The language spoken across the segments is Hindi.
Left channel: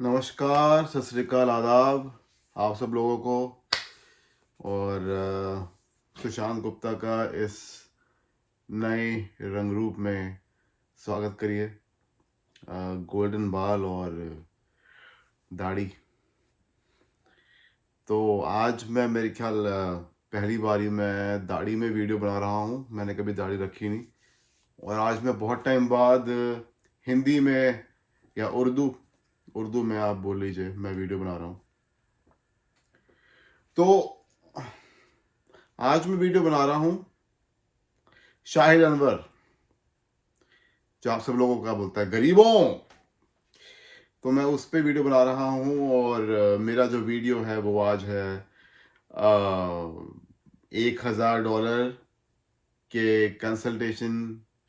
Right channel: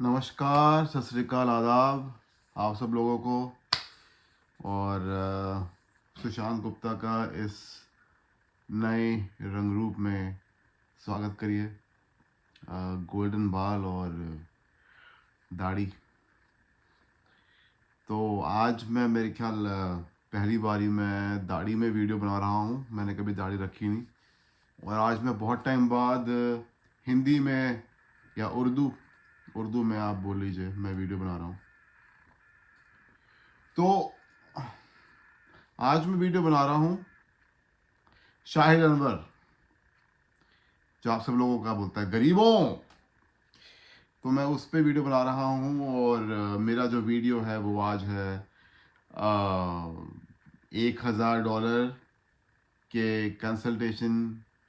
नमस्कार, सत श्री अकाल, आदाब आप सब लोगों को। और सुशांत गुप्ता का इस नए रंग रूप में स्वागत करिए। गोल्डन बाल और दाढ़ी। तो आज मैं मेरे ख्याल पहली बारी मैं दाढ़ी में वीडियो बना रहा हूँ। मैंने कभी दाढ़ी रखी नहीं और आज मैं बहुत टाइम बाद हिंदी में या उर्दू उर्दू में आप बोल लीजिए, मैं वीडियो बना रहा हूँ। तो आज मैं वीडियो बना रहा हूँ शाहिद अनवर, जो आप सब लोगों का बोलता है गरीबों। तो मैं उस पर वीडियो बना रहा हूँ और मेरा जो वीडियो है वो आज है $1,000 के कंसल्टेशन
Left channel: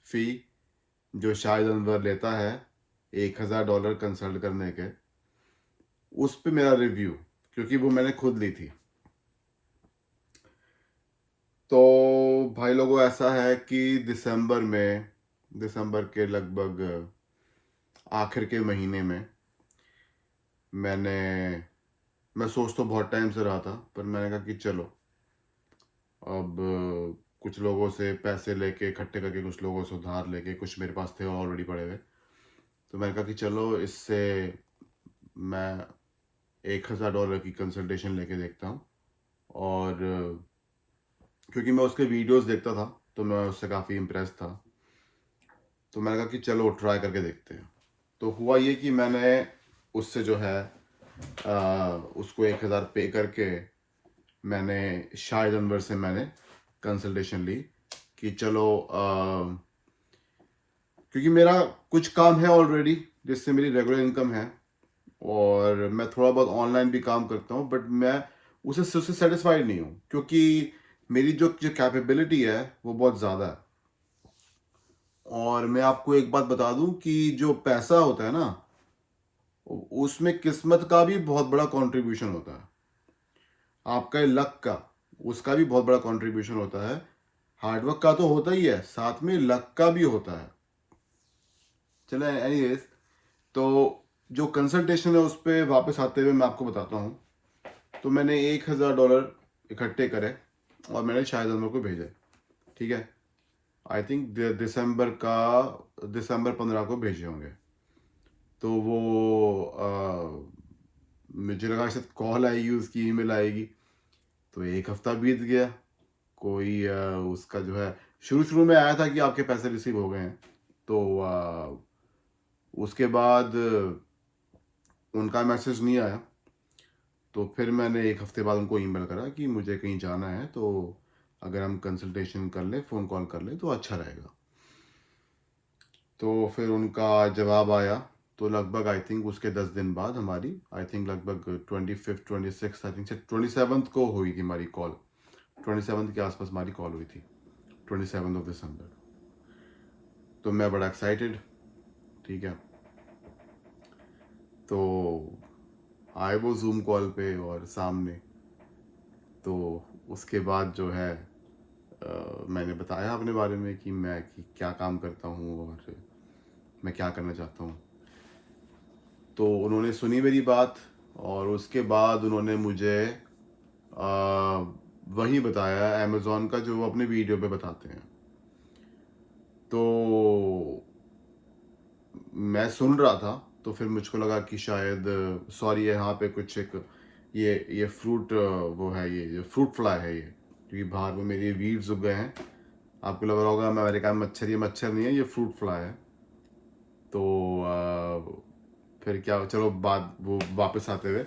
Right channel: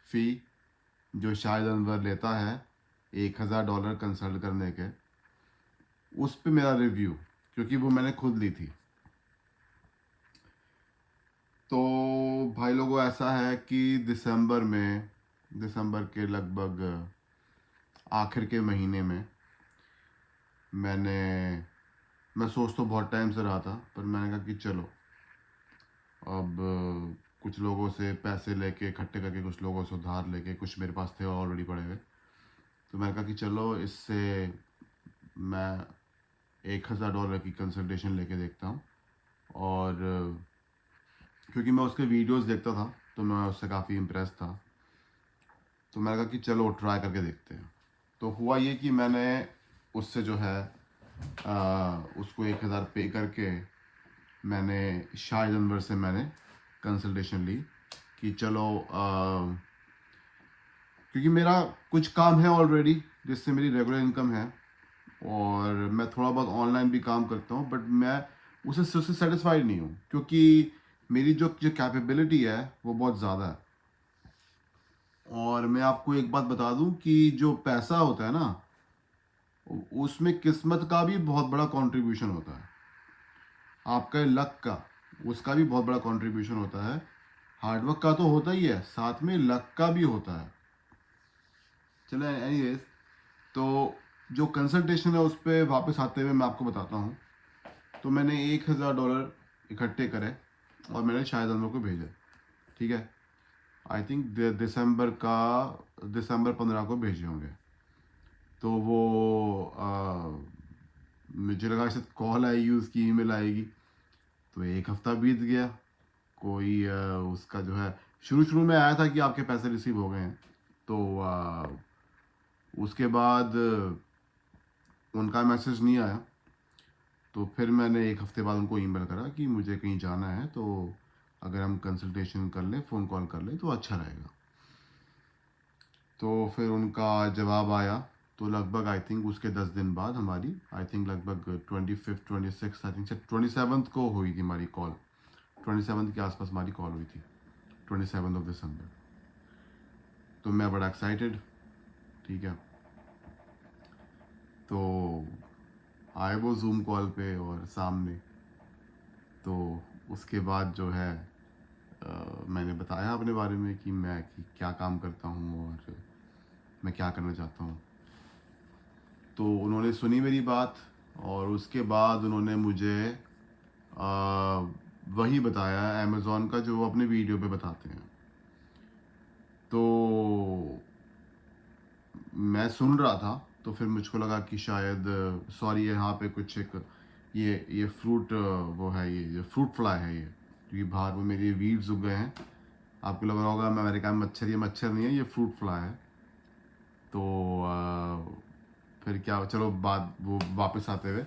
फ़ी जो शाहिद अनवर लेता है, $1,000 कंसल्ट करने के। उस पे मेरा रिव्यू, क्योंकि वो मैंने खुद ली थी। तो भाई लोगों, ऐसा है कि दिसंबर के लगभग आखिर के महीने में मैं सोच तो बहुत टाइम से रहा था, पर मैंने कहा कि चलो अब कुछ लोगों से पैसे लेके इकट्ठे करके, कुछ लोगों से उधार लेके, कुछ मेरे पास थे ऑलरेडी पड़े हुए। तो मैंने कहा कि चलो इससे मैं $1,000 की कंसल्टेशन लेके देखता हूँ। और क्योंकि मैं उसके वीडियोस देखता था तो मैं उससे काफ़ी इम्प्रेस था, तो मैंने कहा कि चलो ट्राई करके देखते हैं। तो हुआ ये कि मैंने उससे जो है उसको 1,000 पे करके मैंने शाहिद अनवर से मैंने कंसल्टेशन ली कि चलो क्योंकि मेरा कुछ काम है ऑलरेडी जिससे मेरी रेगुलर इनकम है, और मैं थोड़ा बहुत ऑनलाइन भी काम करता हूँ, बट मैं उससे सेटिस्फाइड नहीं हूँ, क्योंकि मेरी जो जो कैपेबिलिटी है वो बहुत ज़्यादा है। और मैं आपको एक बात बता दूं कि जो पैसा होता है ना, उसमें किस्मत का भी बहुत बड़ा कंट्रीब्यूशन होता है। आपका लक का, उसका भी बहुत बड़ा कंट्रीब्यूशन होता है। हार्डवर्क का तो होता ही है, साथ में लक का भी होता है। चलो एनीवेज, तो जो कंसल्टेशन है उस पर वापस आते हुए मैं आपको बताता हूँ। तो मैंने $1,000 इकट्ठे करे और मैंने शाहिद अनवर को भेजा। ठीक है, आई थिंक दिसंबर 15 को भेजे होंगे। तो वो मुझे लगा शायद कॉल आएगी, उसकी ईमेल आएगी। तो एक हफ्ता बीत गया, कोई उसका जो है, शुरू शुरू में आया था कि आपके पैसे रिसीव हो गए हैं। तो उसके बाद उनका मैसेज नहीं आया। तो फिर मैंने एक हफ्ते बाद उनको ईमेल करा कि मुझे कहीं जाना है, तो अगर हम कंसल्टेशन कर लें, फ़ोन कॉल कर लें तो अच्छा रहेगा। तो फिर उनका जवाब आया। तो लगभग आई थिंक उसके 10 दिन बाद हमारी, आई थिंक लगभग 25 26 आई थिंक से 27 को हुई थी हमारी कॉल। 27 के आसपास हमारी कॉल हुई थी, 27 दिसंबर। तो मैं बड़ा एक्साइटेड। ठीक है, तो आए वो जूम कॉल पे और सामने। तो उसके बाद जो है मैंने बताया अपने बारे में कि मैं क्या काम करता हूँ और मैं क्या करना चाहता हूँ। तो उन्होंने सुनी मेरी बात, और उसके बाद उन्होंने मुझे वही बताया अमेज़ॉन का जो वो अपने वीडियो पे बताते हैं। तो मैं सुन रहा था, तो फिर मुझको लगा कि शायद सॉरी, यहाँ पे कुछ एक ये फ्रूट वो है, ये फ्रूट फ्लाई है ये, क्योंकि बाहर में मेरी वीव्स उग गए हैं। आपको लग रहा होगा मैं अमेरिका में मच्छर, ये मच्छर नहीं है, ये फ्रूट फ्लाई है। तो फिर क्या, चलो बात वो वापस आते हुए,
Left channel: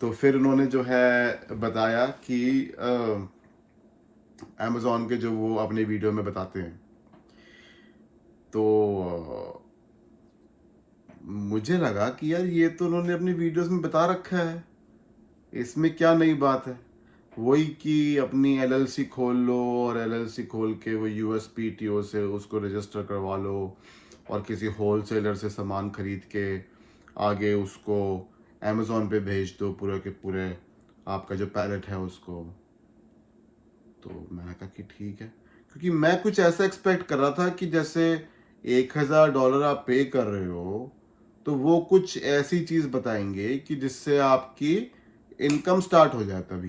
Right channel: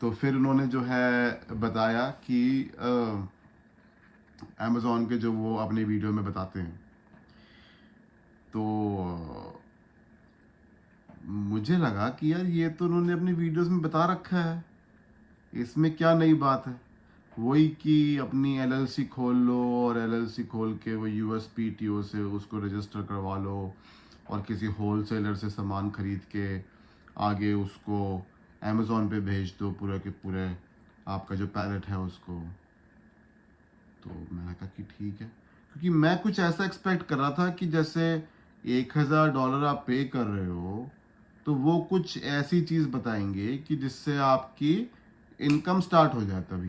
तो फिर उन्होंने जो है बताया कि अमेज़ॉन के जो वो अपने वीडियो में बताते हैं। तो मुझे लगा कि यार ये तो उन्होंने अपनी वीडियोस में बता रखा है, इसमें क्या नई बात है। वही कि अपनी एलएलसी खोल लो और एलएलसी खोल के वो यूएसपीटीओ से उसको रजिस्टर करवा लो और किसी होलसेलर से सामान खरीद के आगे उसको अमेज़ॉन पे भेज दो, पूरे के पूरे आपका जो पैलेट है उसको। तो मैंने कहा कि ठीक है, क्योंकि मैं कुछ ऐसा एक्सपेक्ट कर रहा था कि जैसे $1,000 आप पे कर रहे हो तो वो कुछ ऐसी चीज़ बताएंगे कि जिससे आपकी इनकम स्टार्ट हो जाए तभी।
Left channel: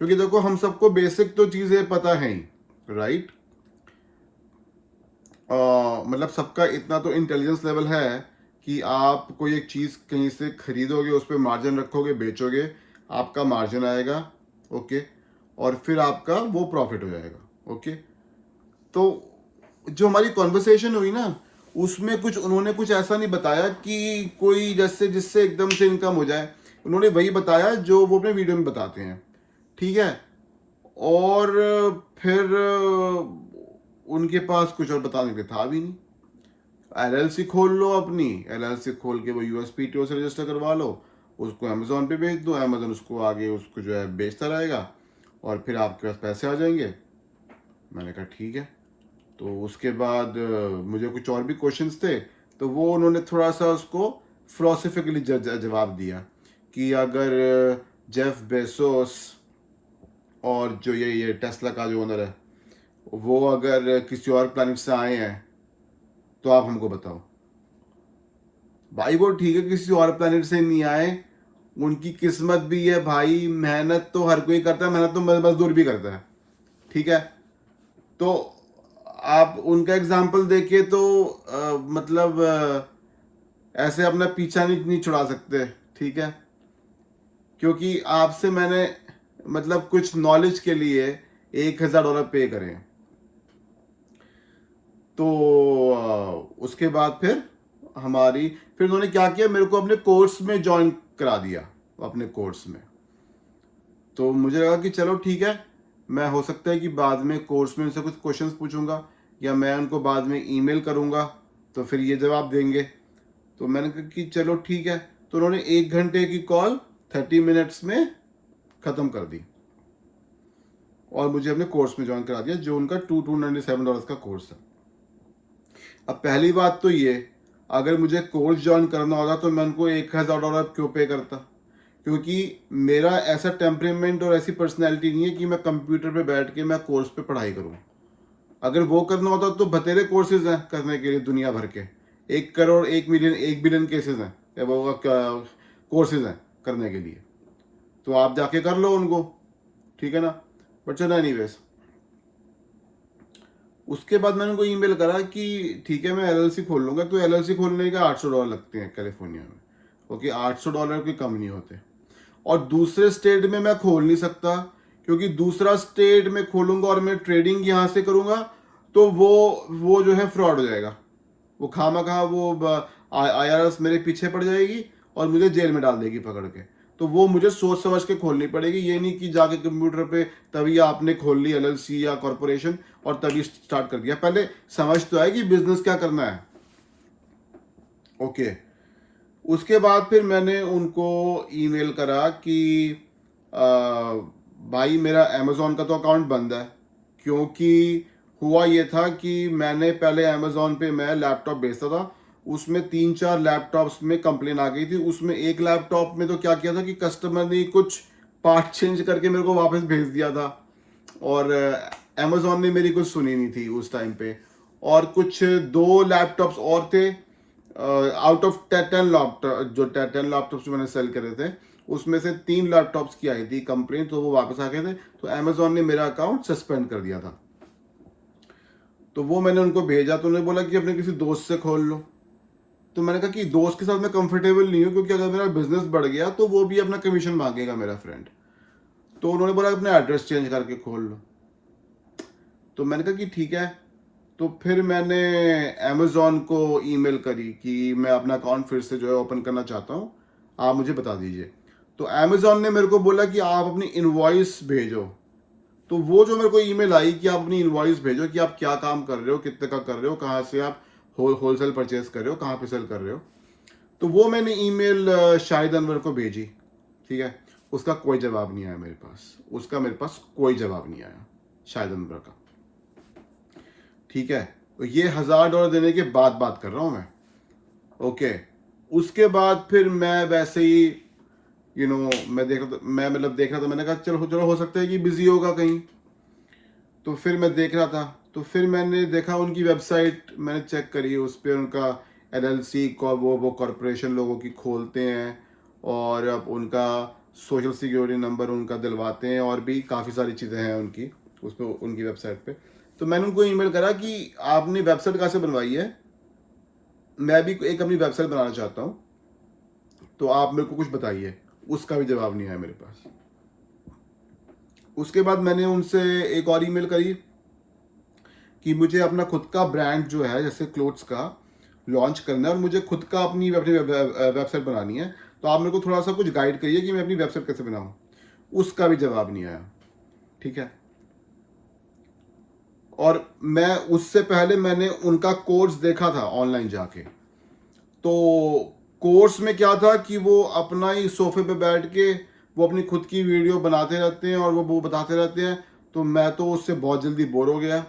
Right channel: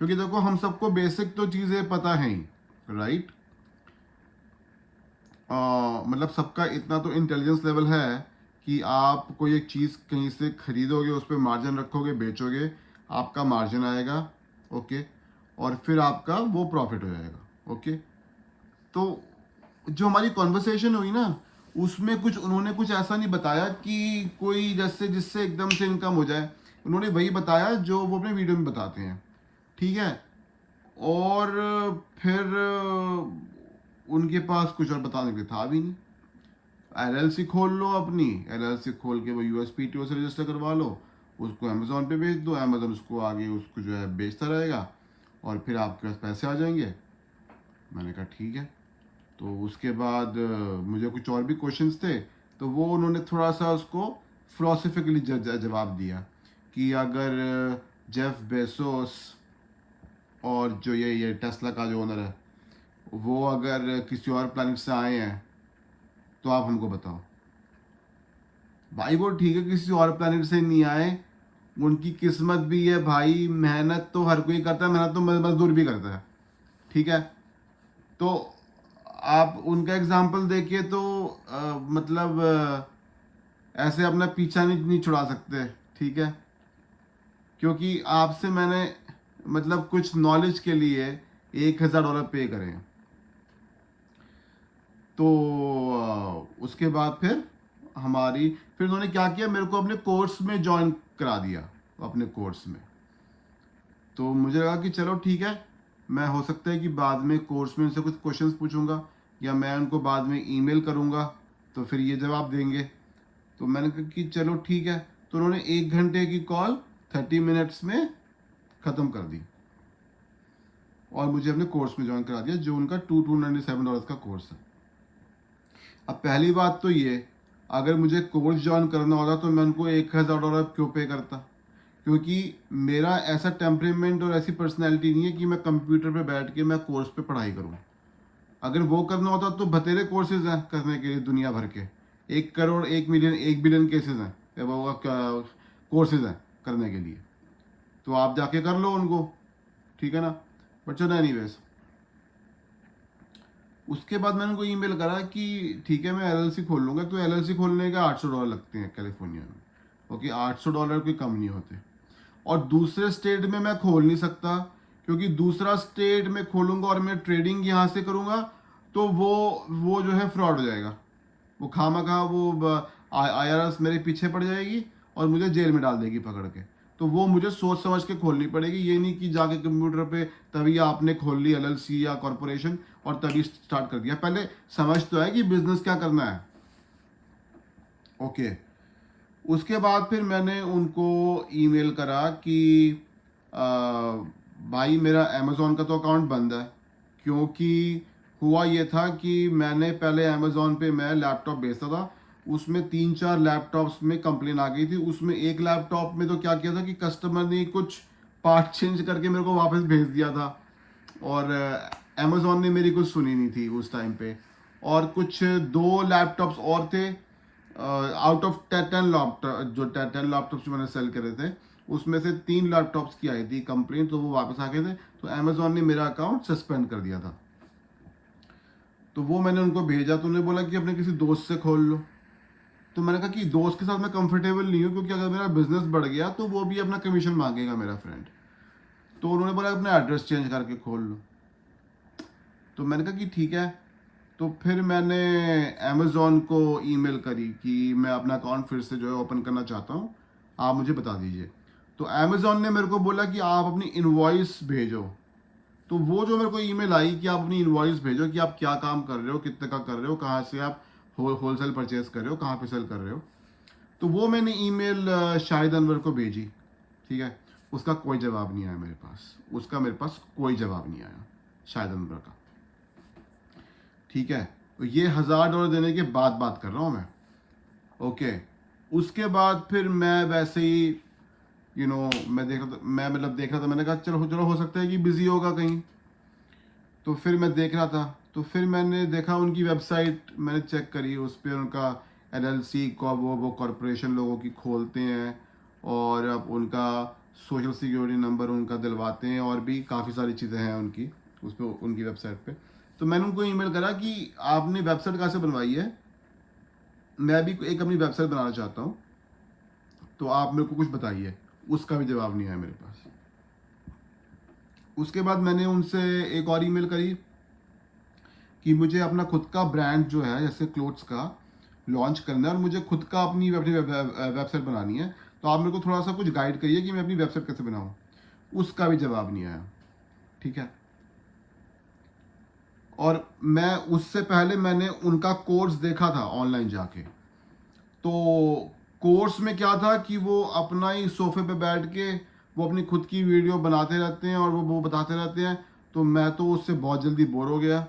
क्योंकि देखो हम सबको बेसिक तो चीज़ें पता है ही, राइट। मतलब सबका इतना तो इंटेलिजेंस लेवल है कि आप कोई एक चीज़ कहीं से खरीदोगे, उस पर मार्जिन रखोगे, बेचोगे, आपका मार्जिन आएगा, ओके, और फिर आपका वो प्रॉफिट हो जाएगा, ओके। तो जो हमारी कॉन्वर्सेशन हुई ना, उसमें कुछ उन्होंने कुछ ऐसा नहीं बताया कि कोई जैसे जिससे एकदम से इनकम हो जाए। उन्होंने वही बताया जो वो अपने वीडियो में बताते हैं, ठीक है। और फिर उनके पास कुछ और बताने के लिए था भी नहीं। एलएलसी खोल लो अपनी, एलएलसी खोल के वो यूएसपीटीओ से रजिस्टर करवा लो, उसको अमेजोन पे बेच दो, अमेजोन उसको आगे उसको जो है बेचता रहेगा और फिर आपके पास पैसे आ जाएंगे। मैंने कहा ठीक है। तो उसके बाद मुझे कुछ और भी क्वेश्चंस थे, तो वो उन्होंने थोड़ा सा उसको फिलोसफिकली जवाब दिया कि अगर जेफ बेसोस और जो ये टेस्ला का जो ओनर है, वो अगर किसी और प्लैनेट से आए हैं तो आप हमको बताओ। भाई वो ठीक है, किसी और प्लैनेट से नहीं आए, उनकी किस्मत भी है भाई, मेहनत तो हर कोई करता है, मेहनत तो मजदूर भी करता है, ठीक है। तो आप उनका एग्जाम्पल देखिए तो मतलब ऐसे अपना पीछा नहीं छुड़ा सकते, ठीक है। क्योंकि आपसे मैंने मतलब कुछ नॉलेज के लिए $1000 पे करे हैं। तो उसके बाद फिर उन्होंने क्या किया, मेरे को अपने कोर्स में ज्वाइन करा दिया, अपने कोर्स में। तो मुझे लगा कि चलो ठीक है, मैं हो सकता है कि बाद में कोर्स में उनसे कुछ क्वेश्चंस पूछूंगा या मैं उनको बाद में ईमेल करूंगा तो फिर ये जवाब देंगे। तो मैंने कहा कि चलो ठीक है। तो उन्होंने 1 घंटे की कॉल 30 मिनट्स में ख़त्म कर दी और मुझे अपने कोर्स में ज्वाइन करा दिया, जो उनका $297 का कोर्स है। अब पहली बात तो ये, अगर मुझे कोर्स ज्वाइन करना होता तो मैं उनको $1000 क्यों पे करता, क्योंकि मेरा ऐसा टेम्परेमेंट और ऐसी पर्सनैलिटी नहीं है कि मैं कंप्यूटर पे बैठ के मैं कोर्स पे पढ़ाई करूँ। अगर वो करना होता तो बतेरे कोर्सेज हैं करने के लिए दुनिया भर के, 1 करोड़ 1 मिलियन 1 बिलियन केसेज हैं, वो कोर्सेज हैं करने के लिए, तो आप जाके कर लो उनको, ठीक है ना। बट चलो एनीवेज, उसके बाद मैंने उनको ईमेल करा कि ठीक है मैं एलएलसी खोल लूँगा। तो एलएलसी खोलने का $800 लगते हैं कैलिफोर्निया में, ओके, $800 के कम नहीं होते। और दूसरे स्टेट में मैं खोल नहीं सकता, क्योंकि दूसरा स्टेट में खोलूंगा और मैं ट्रेडिंग यहाँ से करूँगा तो वो जो है फ्रॉड हो जाएगा, वो खामा वो IRS मेरे पीछे पड़ जाएगी और मुझे जेल में डाल देगी पकड़ के। तो वो मुझे सोच समझ के खोलनी पड़ेगी, ये नहीं कि जाके कंप्यूटर पे तभी आपने खोल ली एलएलसी या कॉरपोरेशन और तभी स्टार्ट कर दिया। पहले समझ तो आए कि बिजनेस क्या करना है, ओके। उसके बाद फिर मैंने उनको ईमेल करा कि भाई मेरा अमेज़ॉन का तो अकाउंट बंद है, क्योंकि हुआ ये था कि मैंने पहले अमेज़ॉन पे मैं लैपटॉप बेचता था, उसमें 3-4 लैपटॉप्स में कंप्लेन आ गई थी। उसमें एक लैपटॉप में तो क्या किया था कि कस्टमर ने कुछ पार्ट चेंज करके मेरे को वापस भेज दिया था, और अमेज़ॉन ने मेरी कुछ सुनी नहीं थी उस टाइम पे। और कुछ 2 लैपटॉप्स और थे, आउट ऑफ 10 लैपटॉप, जो 10 लैपटॉप्स मैंने सेल करे थे उसमें से 3 लैपटॉप्स की आई थी कंप्लेन, तो वो वापस आ गए थे। तो अमेज़ॉन ने मेरा अकाउंट सस्पेंड कर दिया था। तो वो मैंने उनको भेजा, तो उन्होंने बोला कि अपने किसी दोस्त से खोल लो। तो मैंने कहा कि दोस्त के साथ मैं कंफर्टेबल नहीं हूँ, क्योंकि अगर मेरा बिजनेस बढ़ गया तो वो भी अपना कमीशन मांगेगा मेरा फ्रेंड। तो उन्होंने बोला अपना एड्रेस चेंज करके खोल लो। तो मैंने कहा कि ठीक है। तो फिर मैंने अमेज़ॉन को ईमेल करी कि मैं अपना अकाउंट फिर से जो है ओपन करना चाहता हूँ, आप मुझे बता दीजिए। तो अमेज़ॉन ने मेरे को बोला कि आप अपनी इनवॉइस भेजो। तो वो जो मेरे को ईमेल आई कि आप अपनी इनवॉइस भेजो कि आप क्या काम कर रहे हो, कितने का कर रहे हो, कहाँ से आप होलसेल परचेज कर रहे हो, कहाँ पे सेल कर रहे हो। तो वो मैंने ईमेल शाहिद अनवर को भेजी, ठीक है। उसका कोई जवाब नहीं आया मेरे पास, मेरे पास कोई जवाब नहीं आया शाहिद अनवर का, ठीक है। तो ये $1000 देने के बाद बात कर रहा हूँ मैं, ओके। उसके बाद फिर मैं वैसे ही मैं देख रहा था, मैंने कहा चलो चलो हो सकता है कि बिजी होगा कहीं। तो फिर मैं देख रहा था, तो फिर मैंने देखा उनकी वेबसाइट, मैंने चेक करी, उस पर उनका LLC को वो कॉरपोरेशन लोगों की खोलते हैं और अब उनका सोशल सिक्योरिटी नंबर उनका दिलवाते हैं और भी काफ़ी सारी चीज़ें हैं उनकी उस पर उनकी वेबसाइट पे। तो मैंने उनको ईमेल करा कि आपने वेबसाइट कहाँ से बनवाई है, मैं भी एक अपनी वेबसाइट बनाना चाहता हूँ, तो आप मेरे को कुछ बताइए। उसका भी जवाब नहीं आया मेरे पास। उसके बाद मैंने उनसे एक और ईमेल करी कि मुझे अपना खुद का ब्रांड जो है जैसे क्लोथ्स का लॉन्च करना है और मुझे खुद का अपनी वेबसाइट बनानी है, तो आप मेरे को थोड़ा सा कुछ गाइड करिए कि मैं अपनी वेबसाइट कैसे बनाऊँ। उसका भी जवाब नहीं आया। ठीक है, और मैं उससे पहले मैंने उनका कोर्स देखा था ऑनलाइन जाके। तो कोर्स में क्या था कि वो अपना ही सोफे पे बैठ के वो अपनी खुद की वीडियो बनाते रहते हैं और वो बताते रहते हैं। तो मैं तो उससे बहुत जल्दी बोर हो गया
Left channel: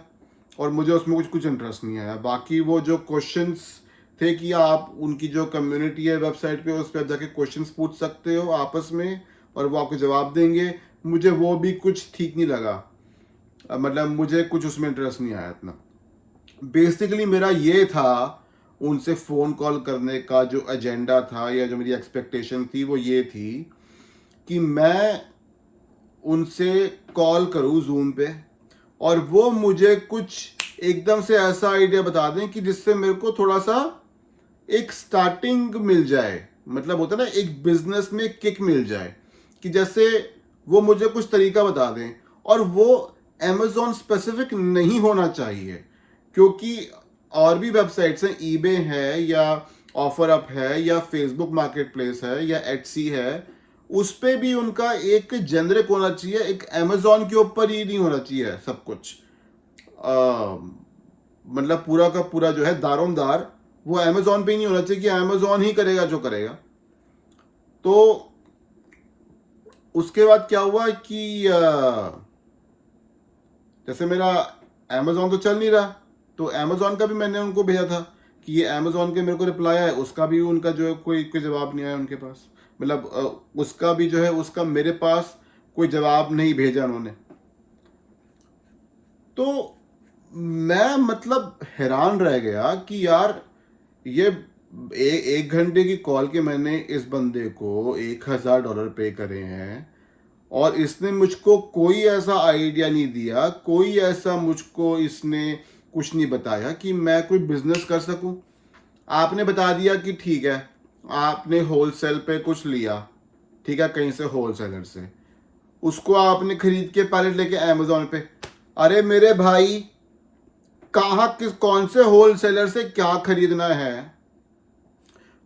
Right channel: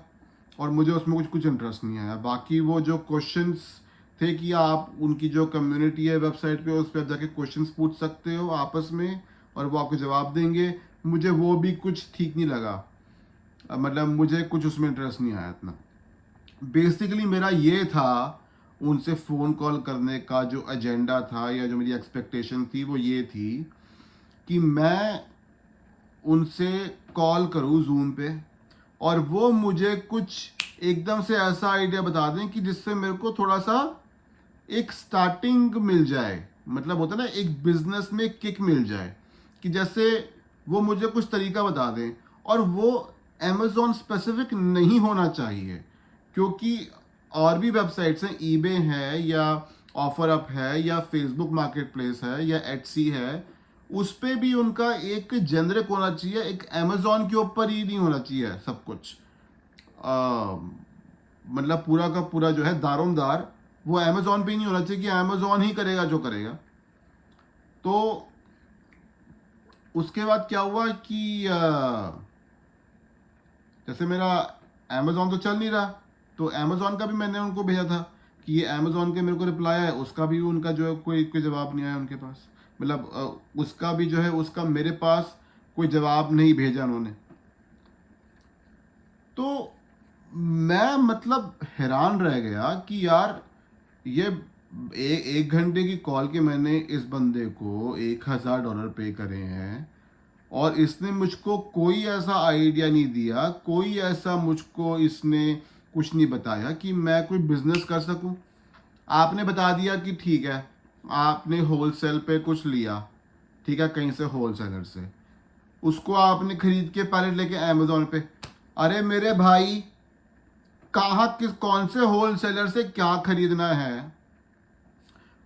और मुझे उसमें कुछ इंटरेस्ट नहीं आया। बाकी वो जो क्वेश्चंस थे कि आप उनकी जो कम्युनिटी है वेबसाइट पे उस पर जाके क्वेश्चंस पूछ सकते हो आपस में और वो आपको जवाब देंगे, मुझे वो भी कुछ ठीक नहीं लगा। मतलब मुझे कुछ उसमें इंटरेस्ट नहीं आया इतना। बेसिकली मेरा ये था उनसे फ़ोन कॉल करने का जो एजेंडा था या जो मेरी एक्सपेक्टेशन थी वो ये थी कि मैं उनसे कॉल करूं जूम पे और वो मुझे कुछ एकदम से ऐसा आइडिया बता दें कि जिससे मेरे को थोड़ा सा एक स्टार्टिंग मिल जाए। मतलब होता है ना, एक बिजनेस में किक मिल जाए कि जैसे वो मुझे कुछ तरीका बता दें और वो अमेजोन स्पेसिफिक नहीं होना चाहिए, क्योंकि और भी वेबसाइट्स हैं, ईबे है या ऑफर अप है या फेसबुक मार्केट प्लेस है या एटसी है, उस पे भी उनका एक जेनरिक होना चाहिए। एक अमेजोन के ऊपर ही नहीं होना चाहिए सब कुछ। मतलब पूरा का पूरा जो है दारोमदार वो अमेजोन पे ही नहीं होना चाहिए कि अमेजोन ही करेगा जो करेगा। तो उसके बाद क्या हुआ कि जैसे मेरा अमेजोन तो चल नहीं रहा, तो अमेजोन का भी मैंने उनको भेजा था कि ये अमेजोन के मेरे को रिप्लाई है, उसका भी उनका जो है कोई जवाब नहीं आया उनके पास। मतलब उसका भी जो है उसका मेरे पास कोई जवाब नहीं भेजा उन्होंने। तो मैं मतलब हैरान रह गया कि यार ये एक घंटे की कॉल के मैंने इस बंदे को $1000 पे करे हैं और इसने मुझको कोई ऐसा आइडिया नहीं दिया, कोई ऐसा मुझको इसने कुछ नहीं बताया कि मैं कोई बिजनेस कर सकूं। आपने बता दिया कि ठीक है, आपने होलसेल पे कुछ लिया, ठीक है, कहीं से होलसेलर से, उसको आपने खरीद के पैलेट लेके अमेजोन पे। अरे मेरे भाई, कहाँ किस कौन से होलसेलर से क्या खरीदना है?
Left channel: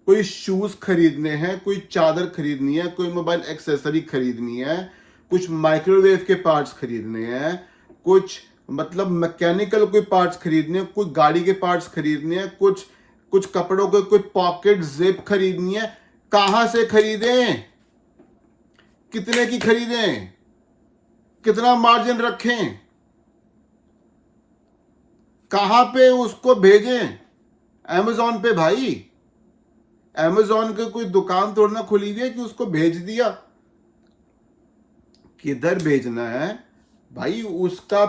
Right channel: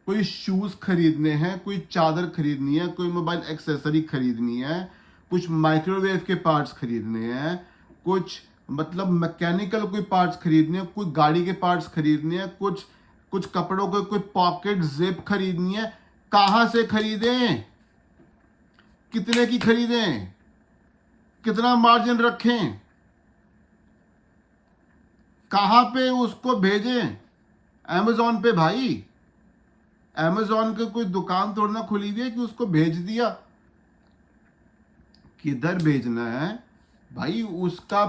कोई शूज खरीदने हैं, कोई चादर खरीदनी है, कोई मोबाइल एक्सेसरी खरीदनी है, कुछ माइक्रोवेव के पार्ट्स खरीदने हैं, कुछ मतलब मैकेनिकल कोई पार्ट्स खरीदने हैं, कोई गाड़ी के पार्ट्स खरीदने हैं, कुछ कुछ कपड़ों के कोई पॉकेट जिप खरीदनी है। कहां से खरीदें? कितने की खरीदें? कितना मार्जिन रखें? कहां पे उसको भेजें? अमेजोन पे भाई। अमेजोन की कोई दुकान तोड़ना खुली हुई है कि उसको भेज दिया? किधर भेजना है भाई? उसका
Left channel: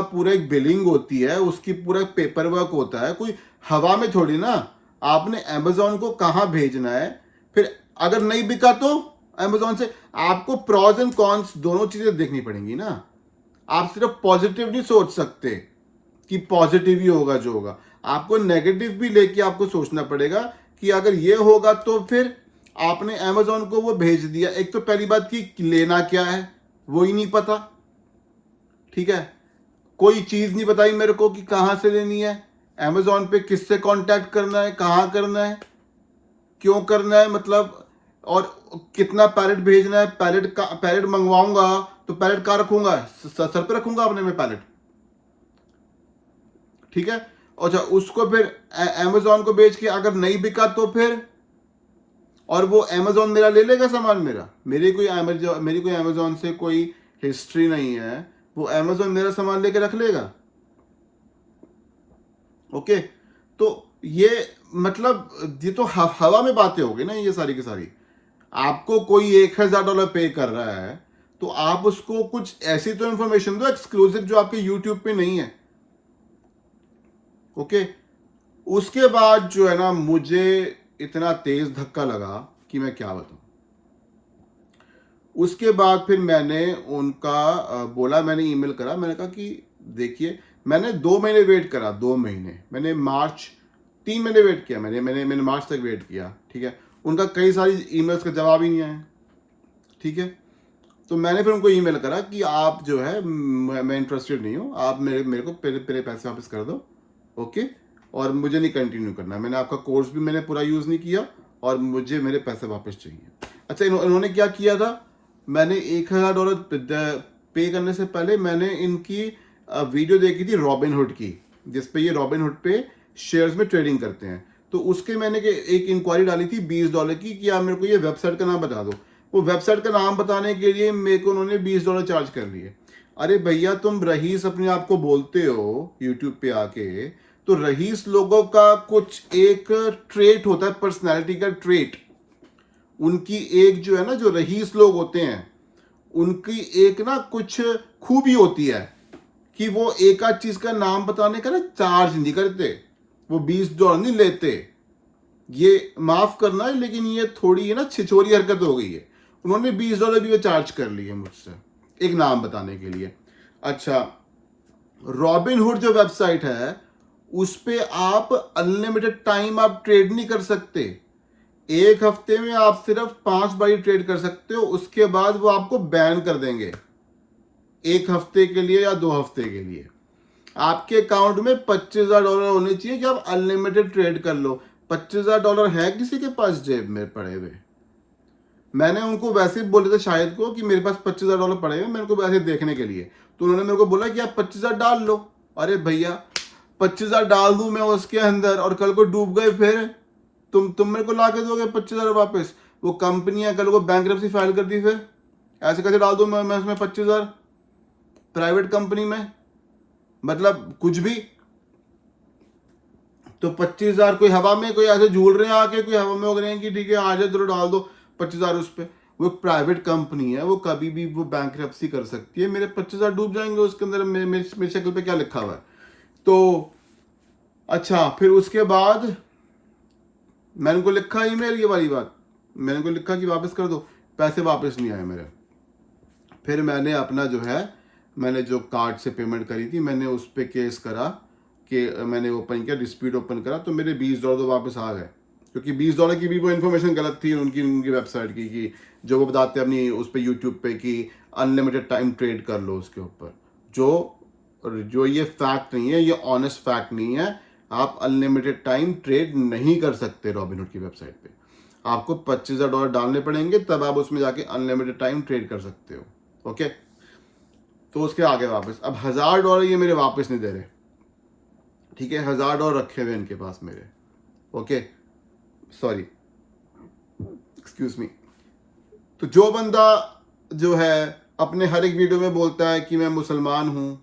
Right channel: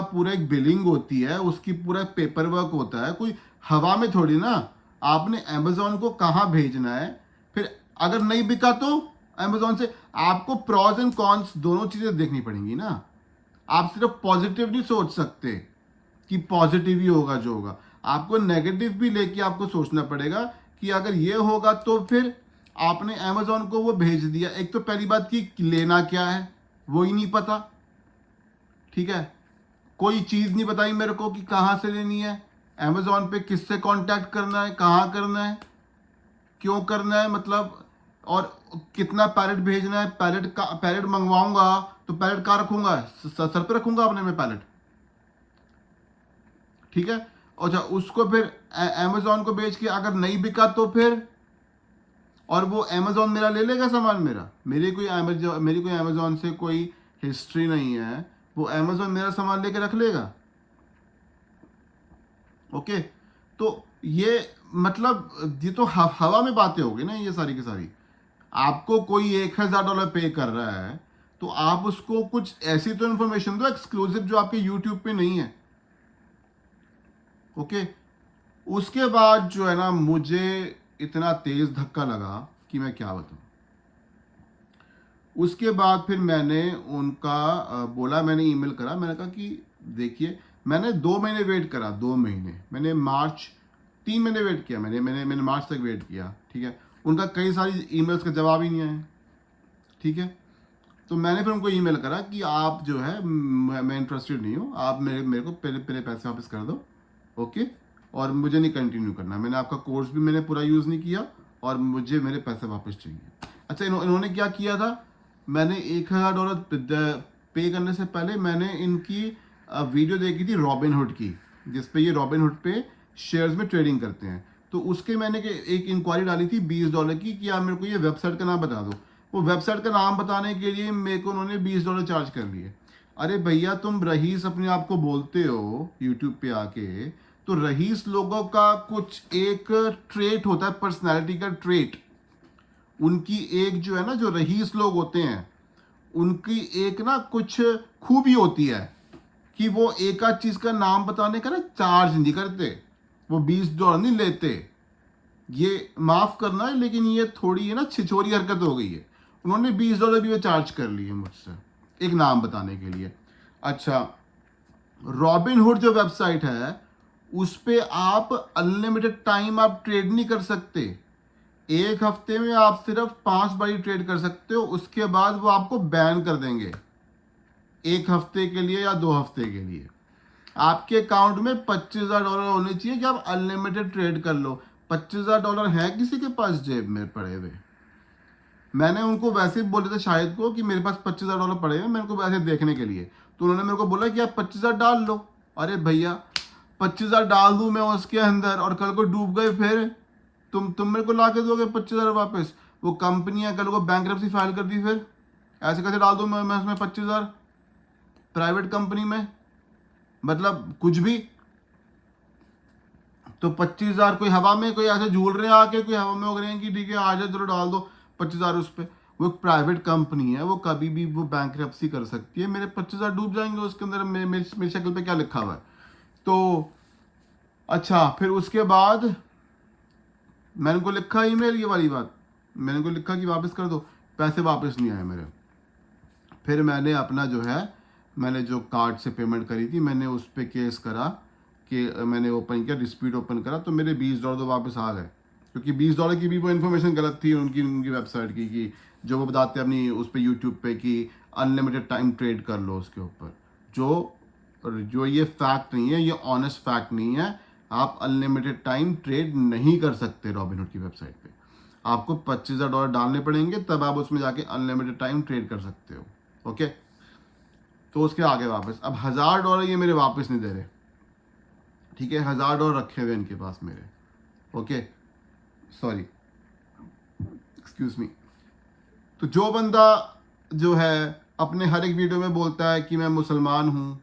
पूरा एक बिलिंग होती है, उसकी पूरा पेपर वर्क होता है, कोई हवा में थोड़ी ना। आपने अमेजोन को कहाँ भेजना है? फिर अगर नहीं बिका तो अमेजोन से आपको प्रॉज एंड कॉन्स दोनों चीजें देखनी पड़ेंगी ना। आप सिर्फ पॉजिटिव नहीं सोच सकते कि पॉजिटिव ही होगा जो होगा, आपको नेगेटिव भी लेके आपको सोचना पड़ेगा कि अगर ये होगा तो फिर आपने अमेजोन को वो भेज दिया। एक तो पहली बात कि लेना क्या है वो ही नहीं पता, ठीक है, कोई चीज नहीं बताई मेरे को कि कहां से लेनी है, अमेजोन पे किससे कांटेक्ट करना है, कहां करना है, क्यों करना है, मतलब और कितना पैलेट भेजना है। पैलेट मंगवाऊंगा तो पैलेट कहाँ रखूंगा? सर पे रखूंगा अपने में पैलेट, ठीक है। अच्छा, उसको फिर अमेजोन को बेच के अगर नहीं बिका तो फिर, और वो अमेजोन मेरा ले लेगा सामान मेरा। मेरी कोई अमेजोन से कोई हिस्ट्री नहीं है, वो अमेजोन मेरा सामान लेके रख लेगा। ओके, तो ये मतलब ये तो हवा में बातें हो गई ना ये सारी की सारी। आपको कोई $1000 पे कर रहा है तो आप उसको कुछ ऐसी तो इंफॉर्मेशन दो एक्सक्लूसिव जो आपके यूट्यूब पे नहीं है। ओके, उसके बाद जो है ना, मुझे इतना तेज धक्का लगा कि मैं क्या बताऊं। उसके बाद फिर मैंने उनका बोला, मैंने ईमेल करा, मैंने कहा कि देखिए, मैंने 2 महीने वेट करा, 2 महीने, मैंने मार्च 3 महीने वेट किया, मैंने मार्च तक वेट किया, ठीक है। उनका कई सारी ईमेल्स का जवाब ही नहीं आया, ठीक है। तो मैंने फिर उनको ईमेल करा कि आप जो है, मैं इंटरेस्टेड नहीं हूँ, आप मेरे मेरे को पहले पैसे वापस कर दो, ओके। और मुझे नहीं कंटिन्यू करना, मैंने आपका कोर्स भी मैंने पूरा यूज़ नहीं किया, और मुझे मेरे पैसे वापस चाहिए। अच्छा, इन्होंने क्या किया था, मैंने $1000 पे करने से पहले मैंने इनकी वीडियो देखी थी रॉबिनहुड की, जिसपे ये रॉबिनहुड पे शेयर्स में ट्रेडिंग करते हैं। तो उसके मैंने एक इंक्वायरी डाली थी $20 की कि आप मेरे को ये वेबसाइट का नाम बता दो। वो वेबसाइट का नाम बताने के लिए मेरे को उन्होंने $20 चार्ज कर लिए। अरे भैया, तुम रईस अपने आप को बोलते हो यूट्यूब पे आके, तो रईस लोगों का कुछ एक ट्रेट होता है, पर्सनैलिटी का ट्रेट। उनकी एक जो है ना, जो रईस लोग होते हैं, उनकी एक ना कुछ खूबी होती है कि वो एक आध चीज का नाम बताने का ना चार्ज नहीं करते, वो $20 नहीं लेते। ये माफ करना है, लेकिन ये थोड़ी है ना छिछोरी हरकत हो गई है। उन्होंने $20 भी वो चार्ज कर लिए मुझसे एक नाम बताने के लिए। अच्छा, रॉबिनहुड जो वेबसाइट है, उस पे आप अनलिमिटेड टाइम आप ट्रेड नहीं कर सकते। एक हफ्ते में आप सिर्फ 5 बार ट्रेड कर सकते हो, उसके बाद वो आपको बैन कर देंगे, 1 हफ्ते के लिए या 2 हफ्ते के लिए। आपके अकाउंट में $25,000 होने चाहिए कि आप अनलिमिटेड ट्रेड कर लो। $25,000 है किसी के पास जेब में पड़े हुए? मैंने उनको वैसे ही बोले थे शायद को कि मेरे पास $25,000 पड़े हुए, मैंने उनको वैसे देखने के लिए। तो उन्होंने मेरे को बोला कि आप 25,000 डाल लो। अरे भैया, 25,000 डाल दूं मैं उसके अंदर, और कल को डूब गए, फिर तुम मेरे को ला के दोगे 25,000 वापस? वो कंपनियां कल को बैंकरप्सी फाइल कर दी, फिर ऐसे कैसे डाल दूं मैं उसमें 25,000 प्राइवेट कंपनी में? मतलब कुछ भी। तो 25,000 कोई हवा में, कोई ऐसे झूल रहे हैं आके, कोई हवा में हो रहे हैं कि ठीक है आ जाए, चलो डाल दो 25,000 उस पर। वो प्राइवेट कंपनी है, वो कभी भी वो बैंकरप्सी कर सकती है। मेरे 25,000 डूब जाएंगे उसके अंदर, मेरी शक्ल पे क्या लिखा हुआ है? तो अच्छा, फिर उसके बाद मैंने उनको लिखा ईमेल, ये वाली बात मैंने उनको लिखा कि वापस कर दो, पैसे वापस नहीं आए मेरे। फिर मैंने अपना जो है, मैंने जो कार्ड से पेमेंट करी थी, मैंने उस पर केस करा कि मैंने ओपन किया, डिस्प्यूट ओपन करा, तो मेरे $20 तो वापस आ गए। क्योंकि $20 की भी वो इन्फॉर्मेशन गलत थी उनकी वेबसाइट की, कि जो वो बताते हैं अपनी उस पर यूट्यूब पे कि अनलिमिटेड टाइम ट्रेड कर लो उसके ऊपर, जो ये फैक्ट नहीं है, ये ऑनेस्ट फैक्ट नहीं है। आप अनलिमिटेड टाइम ट्रेड नहीं कर सकते रॉबिनहुड की वेबसाइट पे। आपको $25,000 डालने पड़ेंगे, तब आप उसमें जाके अनलिमिटेड टाइम ट्रेड कर सकते हो, ओके। तो उसके आगे वापस, अब $1,000 ये मेरे वापस नहीं दे रहे, ठीक है। $1,000 रखे हुए इनके पास मेरे, ओके, सॉरी, एक्सक्यूज मी। तो जो बंदा जो है अपने हर एक वीडियो में बोलता है कि मैं मुसलमान हूं,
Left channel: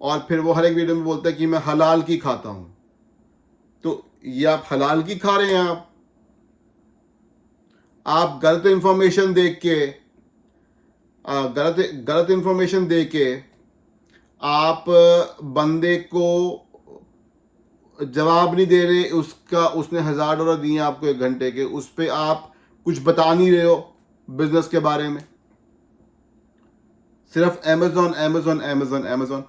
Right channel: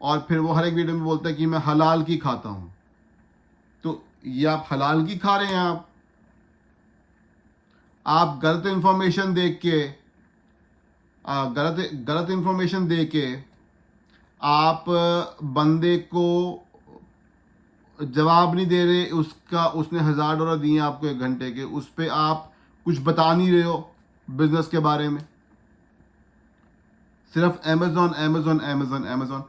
और फिर वो हर एक वीडियो में बोलता है कि मैं हलाल की खाता हूं, तो ये आप हलाल की खा रहे हैं? आप गलत इंफॉर्मेशन देख के, गलत इंफॉर्मेशन दे के आप बंदे को जवाब नहीं दे रहे, उसका उसने $1,000 दिए आपको 1 घंटे के, उस पर आप कुछ बता नहीं रहे हो बिजनेस के बारे में, सिर्फ अमेजोन अमेजोन अमेजोन अमेजोन।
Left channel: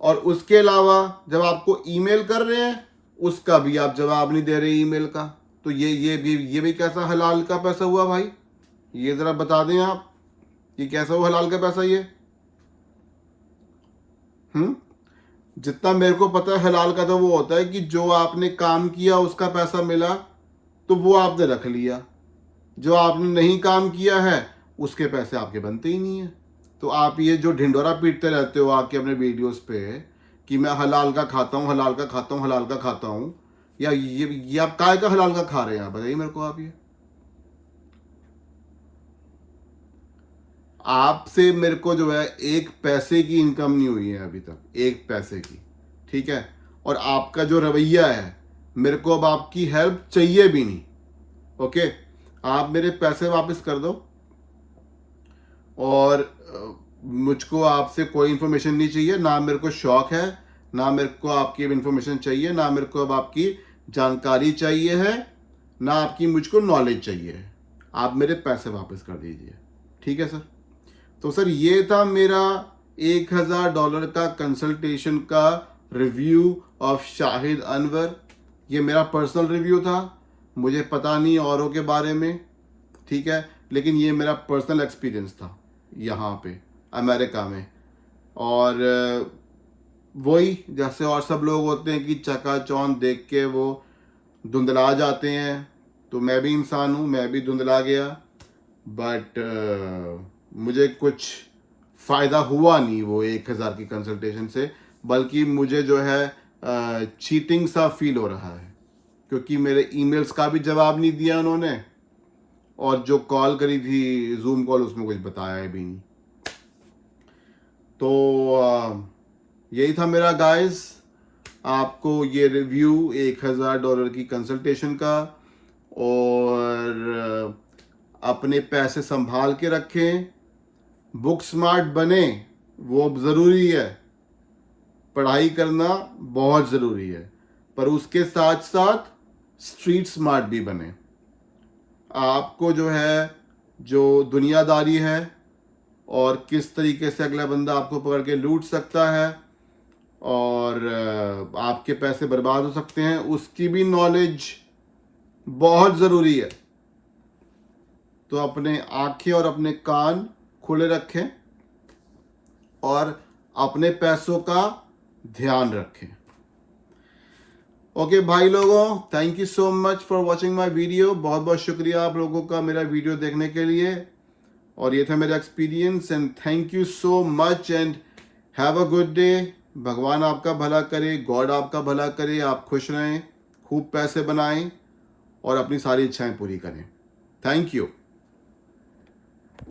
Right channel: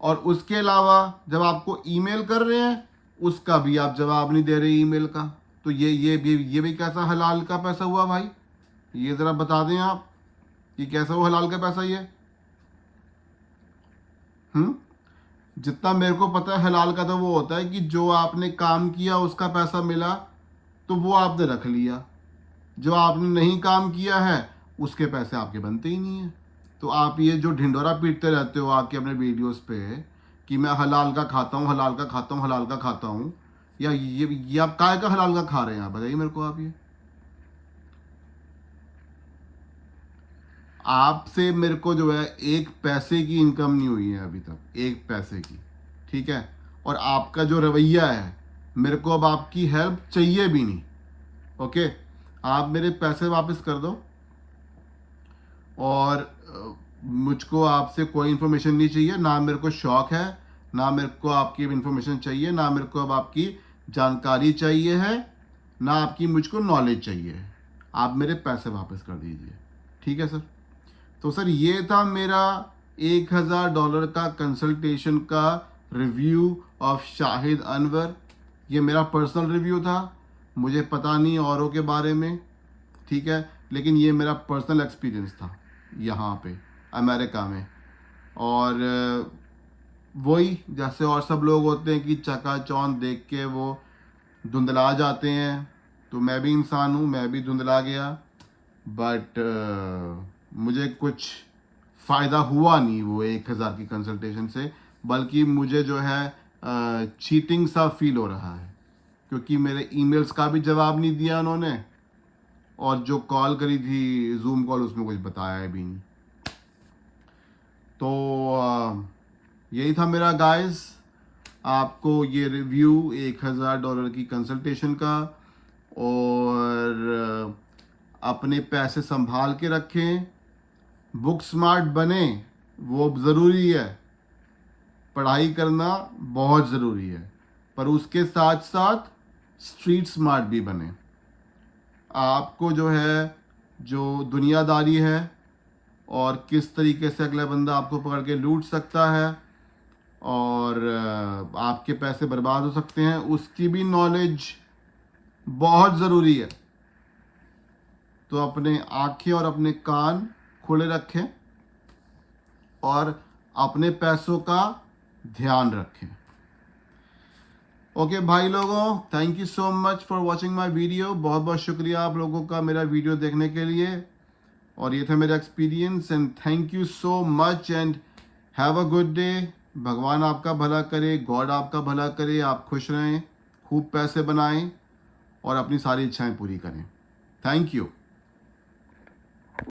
और उसके अलावा जब आपको ईमेल कर रहे हैं, उसका भी आप जवाब नहीं दे रहे ईमेल का। तो ये भी कैसा हलाल का पैसा हुआ भाई? ये जरा बता दें आप, ये कैसा हुआ हलाल का पैसा ये? जितना मेरे को पता है, हलाल का तो वो होता है कि जो आपने काम किया उसका पैसा मिला तो वो आपने रख लिया, जो आपने नहीं काम किया है उसके पैसे आपके बनते ही नहीं है। तो आप ये जो ढिंडोरा पीटते रहते हो आके अपने वीडियोस पे कि मैं हलाल का खाता हूँ, हलाल का खाता हूँ, हलाल का खाता हूँ, या ये आप काय का हलाल का खा रहे हैं? बताइए मेरे को आप। ये आपसे मेरे को जो है 1 पैसे की इनकम नहीं हुई है अभी तक, 1 पैसे की, ठीक है। और आपका जो रवैया है, मेरे को अब आपकी हेल्प चाहिए भी नहीं, ओके। आप मेरे पैसे वापस कर दो, और मुझको आपसे कोई इंफॉर्मेशन नहीं चाहिए, ना मेरे को शौक है, ना मेरे को आपकी इन्फॉर्मेशन चाहिए, ना मेरे को अब आपकी जानकारी चाहिए है, ना आपकी मुझको नॉलेज चाहिए है। आप मेरे पैसे वापस कर दीजिए। ठीक है सर। तो सर ये था मेरा $1000 का कंसल्टेशन का रिव्यू ऑफ शाहिद अनवर। ये मेरा पर्सनल रिव्यू था, मुझे पता नहीं औरों के बारे में, ठीक है, लेकिन ये मेरा पर्सनल एक्सपीरियंस था यहाँ पे अमेरिका में। और वही जैसे और सब लोग होते हैं कि चकाचौंध देख के वो धुंधला जाते हैं, तो मैं भी इंसान हूँ, मैं भी धुंधला गया। बट मुझे कुछ फ़ायदा हुआ नहीं वो 1000 की कंसल्टेशन से, बल्कि मुझे जो है चीटिंग सा फील हो रहा है, क्योंकि मेरे ईमेल्स का भी जवाब नहीं दिया उन्होंने, और जो कॉल करी थी जूम कॉल उसमें कुछ बताया भी नहीं। तो यही था मेरा गाइस, आपको ये रिव्यू $1000 की कंसल्टेशन का। और अपने पैसे संभाल के रखें, बुक स्मार्ट बने, वो ज़रूरी है, पढ़ाई करना बहुत ज़रूरी है, पर उसके साथ साथ स्ट्रीट स्मार्ट भी बने। आपको जो है जो दुनियादारी है और किस तरीके से अगला बंदा आपको पकड़ के लूट सकता है और आपके पैसे बर्बाद हो सकते हैं, उसकी भी नॉलेज बहुत ज़रूरी है। तो अपने आंखें और अपने कान खुले रखें और अपने पैसों का ध्यान रखें। ओके भाई लोगों, thank you so much for watching my video. बहुत बहुत शुक्रिया आप लोगों का मेरा वीडियो देखने के लिए। और ये था मेरा experience, and thank you so much and have a good day. भगवान आपका भला करे, गॉड आपका भला करे, आप खुश रहें, खूब पैसे बनाएं और अपनी सारी इच्छाएं पूरी करें। Thank you.